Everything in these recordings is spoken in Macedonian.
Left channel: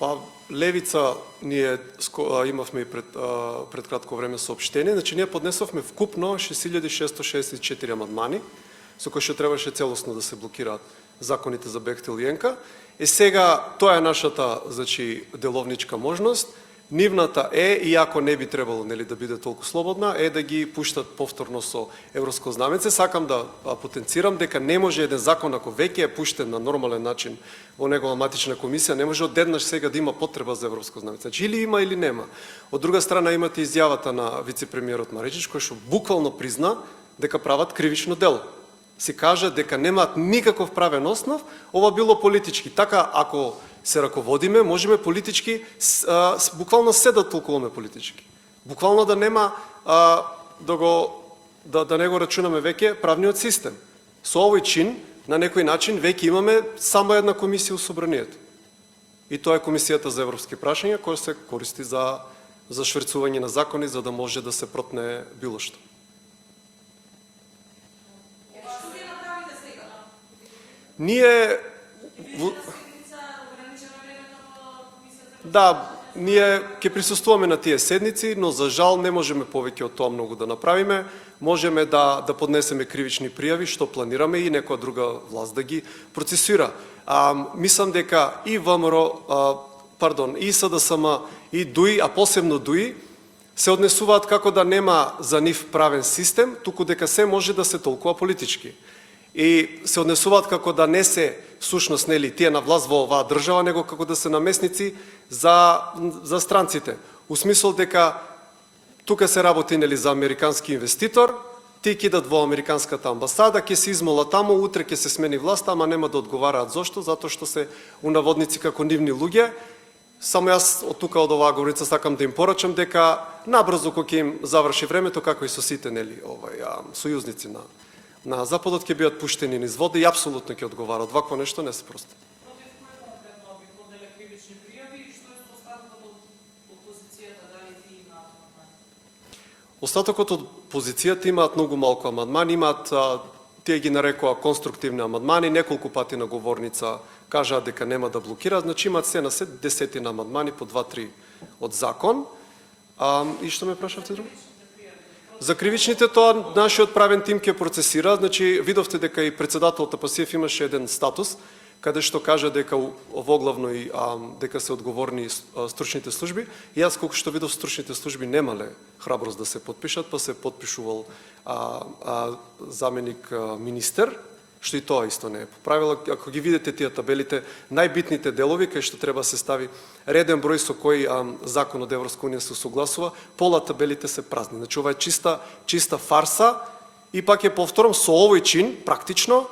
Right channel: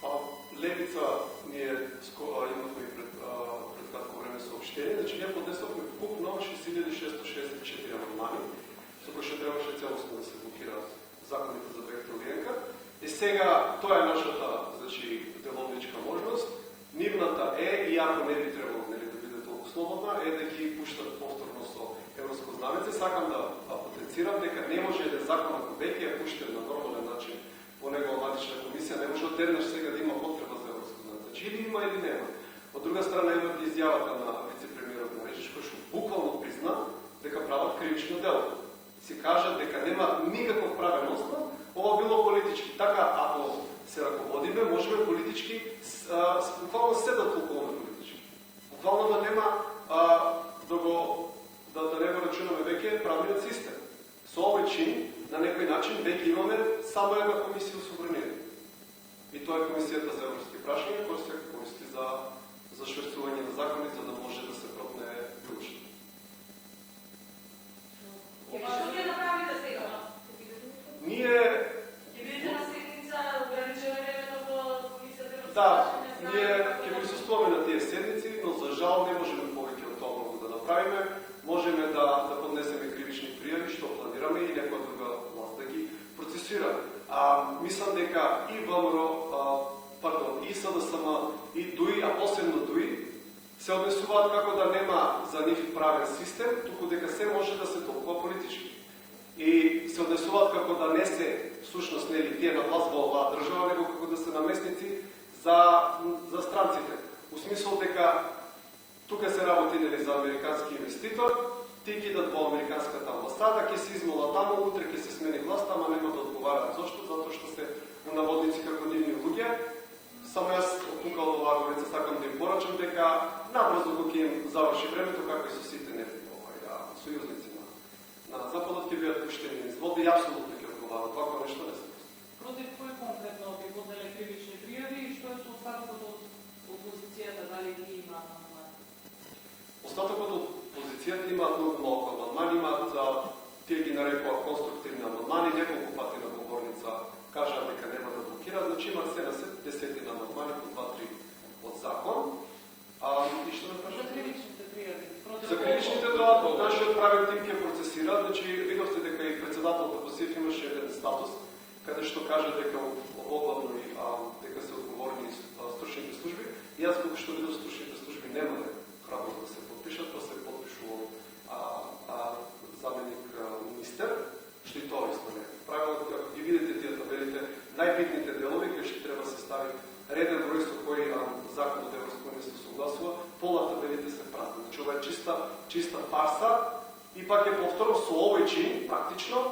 Па, Левица ние имавме и пред кратко време сообщение, значи ние поднесовме вкупно 6664 амандмани, со кои што требаше целосно да се блокираат законите за Бехтел и Енка. И сега тоа е нашата, значи, деловничка можност. Нивната е, иако не би требало, нели, да биде толку слободна, е да ги пуштат повторно со европско знамеце. Сакам да потенцирам дека не може еден закон, ако веќе е пуштен на нормален начин во негова матична комисија, не може одеднаш сега да има потреба за европско знамеце. Значи, или има, или нема. Од друга страна имате изјавата на вице-премиерот Маринич, кој што буквално призна дека прават кривично дело. Си кажа дека немаат никаков правен основ, ова било политички. Така, ако се раководиме, можеме политички, буквално се да толкуваме политички. Буквално да нема, да не го рачунаме веќе правниот систем. Со овој чин, на некој начин, веќе имаме само една комисија у собранието. И тоа е Комисијата за европски прашања, која се користи за шверцување на закони, за да може да се протне било што. Ние... Да, ние ќе присуствуваме на тие седници, но за жал не можеме повеќе од тоа многу да направиме. Можеме да поднесеме кривични пријави, што планираме, и некоја друга власт да ги процесуира. Мислам дека и ВМРО, и СДСМ, и ДУИ, а посебно ДУИ, се однесуваат како да нема за нив правен систем, туку дека се може да се толкува политички. И се однесуваат како да не се всушност, нели, тие на власт во оваа држава, него како да се намесници за странците. У смисол дека тука се работи, нели, за американски инвеститор, ти кидат во американската амбасада, ќе се измола таму, утре ќе се смени власта, ама нема да одговараат. Зошто? Затоа што се унаводници како нивни луѓе. Само јас од тука, од оваа говорица, сакам да им порачам дека набрзо кога ќе им заврши времето, како и со сите, нели, сојузници на Западот, ќе бидат пуштени низ вода и апсолутно ќе одговараат. Вакво нешто не се просто. Против кој конкретно би поднеле кривични пријави и што е со остатокот од опозицијата, дали ви имаат амандмани? Остатокот од опозицијата имаат многу малку амандмани, имаат, тие ги нарекоа конструктивни амандмани, неколку пати на говорница кажаа дека нема да блокираат, значи имаат се на се десетина амандмани по 2-3 од закон. И што ме прашавте? За кривичните тоа нашиот правен тим ќе процесира, значи видовте дека и председателот Пасиев имаше еден статус каде што кажа дека воглавно и дека се одговорни стручните служби. И јас колку што видов, стручните служби немале храброст да се потпишат, па се потпишувал заменик министер, што и тоа исто не е поправила. Ако ги видите тие табелите, најбитните делови кај што треба се стави реден број со кој закон од Европска унија се согласува, пола табелите се празни. Значи ова е чиста фарса. И пак ја повторам, со овој чин практично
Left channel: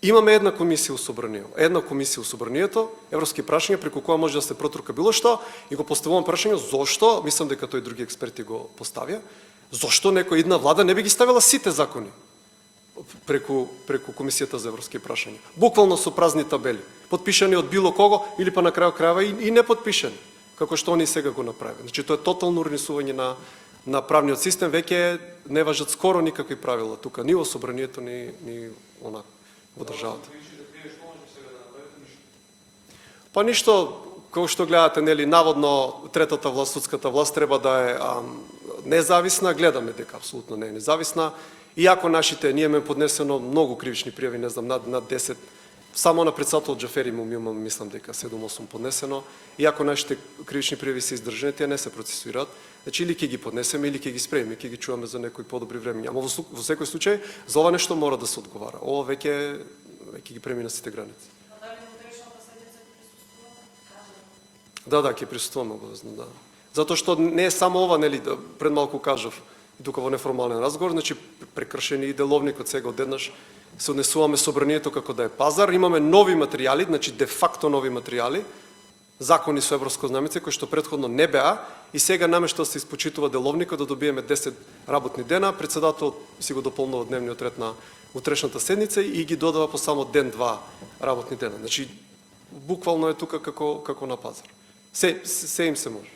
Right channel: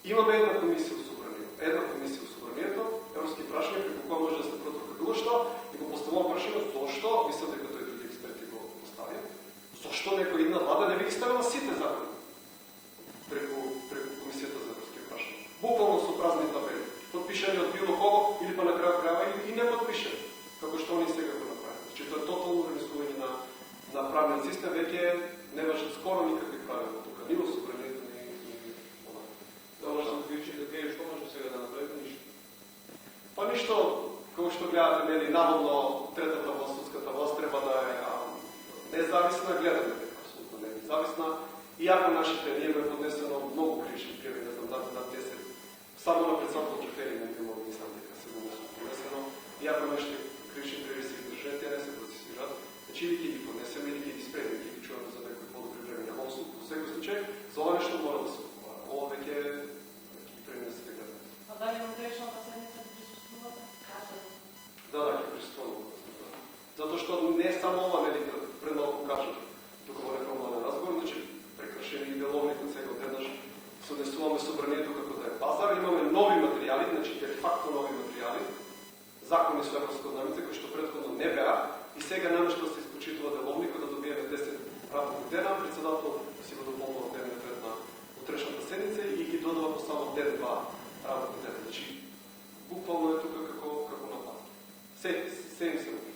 имаме една комисија у собранието. Една комисија у собранието, европски прашања, преку која може да се протурка било што, и го поставувам прашање зошто, мислам дека тој други експерти го поставија, зошто некоја една влада не би ги ставила сите закони преку Комисијата за европски прашања. Буквално со празни табели, потпишани од било кого или па на крајот крајава и не потпишани, како што они сега го направи. Значи тоа е тотално урнисување на правниот систем, веќе не важат скоро никакви правила тука, ни во собранието, ни онака во државата. Па ништо, како што гледате, нели, наводно третата власт, судската власт треба да е независна, гледаме дека апсолутно не е независна. Иако нашите, ние ме поднесено многу кривични пријави, не знам, над 10, само на председател Џафери му имам, мислам дека 7-8 поднесено, иако нашите кривични пријави се издржани, тие не се процесуираат, значи или ќе ги поднесеме, или ќе ги спремиме, ќе ги чуваме за некои подобри времења. Ама во секој случај, за ова нешто мора да се одговара. Ова веќе ги премина сите граници. А дали на кривичната седница присуствувате? Да, ќе присуствуваме обавезно, да. Затоа што не е само ова, нели, пред малку кажав, тука во неформален разговор, значи прекршени и деловникот, сега одеднаш се однесуваме собранието како да е пазар, имаме нови материјали, значи де факто нови материјали, закони со европско знамице кои што претходно не беа, и сега наместо да се испочитува деловникот да добиеме 10 работни дена, председател си го дополнува дневниот ред на утрешната седница и ги додава по само ден-два работни дена. Значи буквално е тука како на пазар. Се им се може.